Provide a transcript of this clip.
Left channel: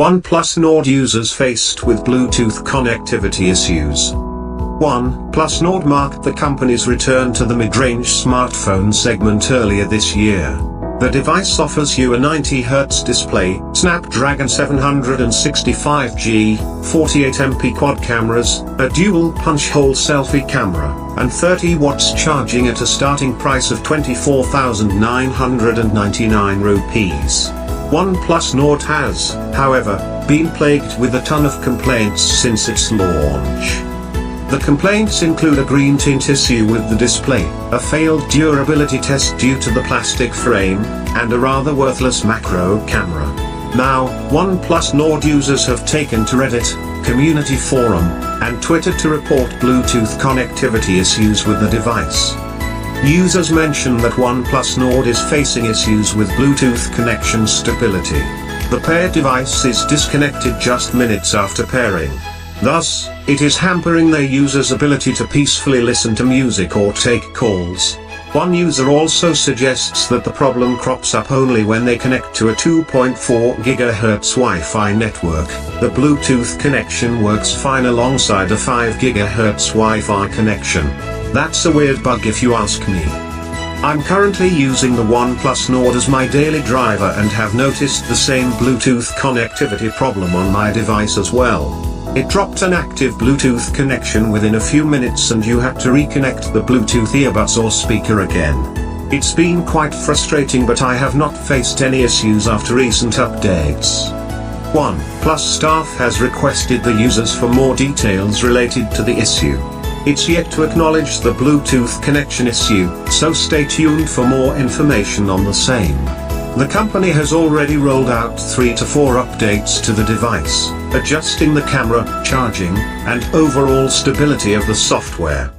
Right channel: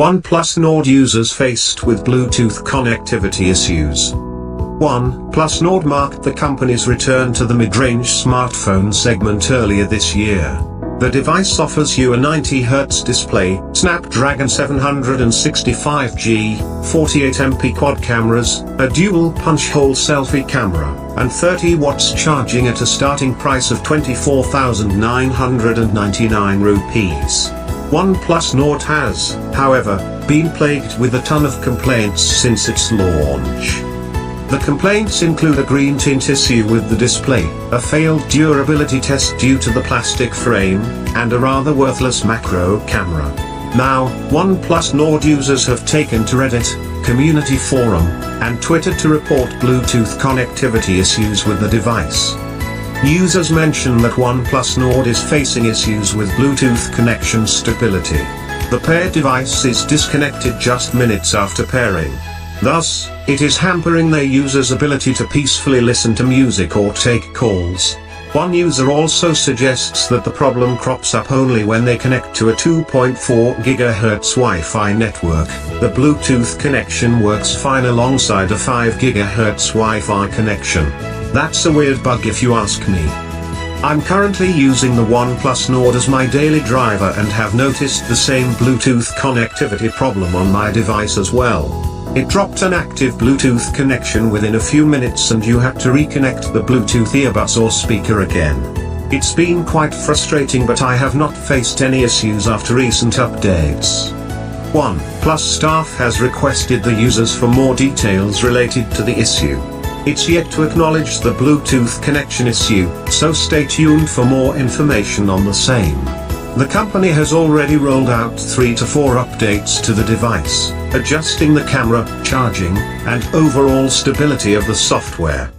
OnePlus Nord users faced with Bluetooth connectivity issues. OnePlus Nord marked the company's return to the mid-range smartphone segment earlier this year. The device offers you a 90Hz display, Snapdragon 765G, 48MP quad cameras, a dual punch-hole selfie camera, and 30 watts charging at a starting price of 24,999 rupees. OnePlus Nord has, however, been plagued with a ton of complaints since its launch. The complaints include a green tint issue with the display, a failed durability test due to the plastic frame, and a rather worthless macro camera. Now, OnePlus Nord users have taken to Reddit, community forum, and Twitter to report Bluetooth connectivity issues with the device. Users mention that OnePlus Nord is facing issues with Bluetooth connection stability. The paired device is disconnected just minutes after pairing. Thus, it is hampering their users' ability to peacefully listen to music or take calls. One user also suggests that the problem crops up only when they connect to a 2.4 GHz Wi-Fi network. The Bluetooth connection works fine alongside a 5 GHz Wi-Fi connection. That's a weird bug if you ask me. I'm currently using the OnePlus Nord as my daily driver and have noticed the same Bluetooth connectivity problem on my device as well. It dropped an active Bluetooth connection within a few minutes and you had to reconnect the Bluetooth earbuds or speaker again. It's been quite frustrating, but I have not faced any issues after recent updates. OnePlus staff has requested the users for more details related to the issue. It's yet to acknowledge the Bluetooth connection issue, so stay tuned for more information on the same. The company has already rolled out 3 to 4 updates to the device, adjusting the camera, charging, and overall stability of the software.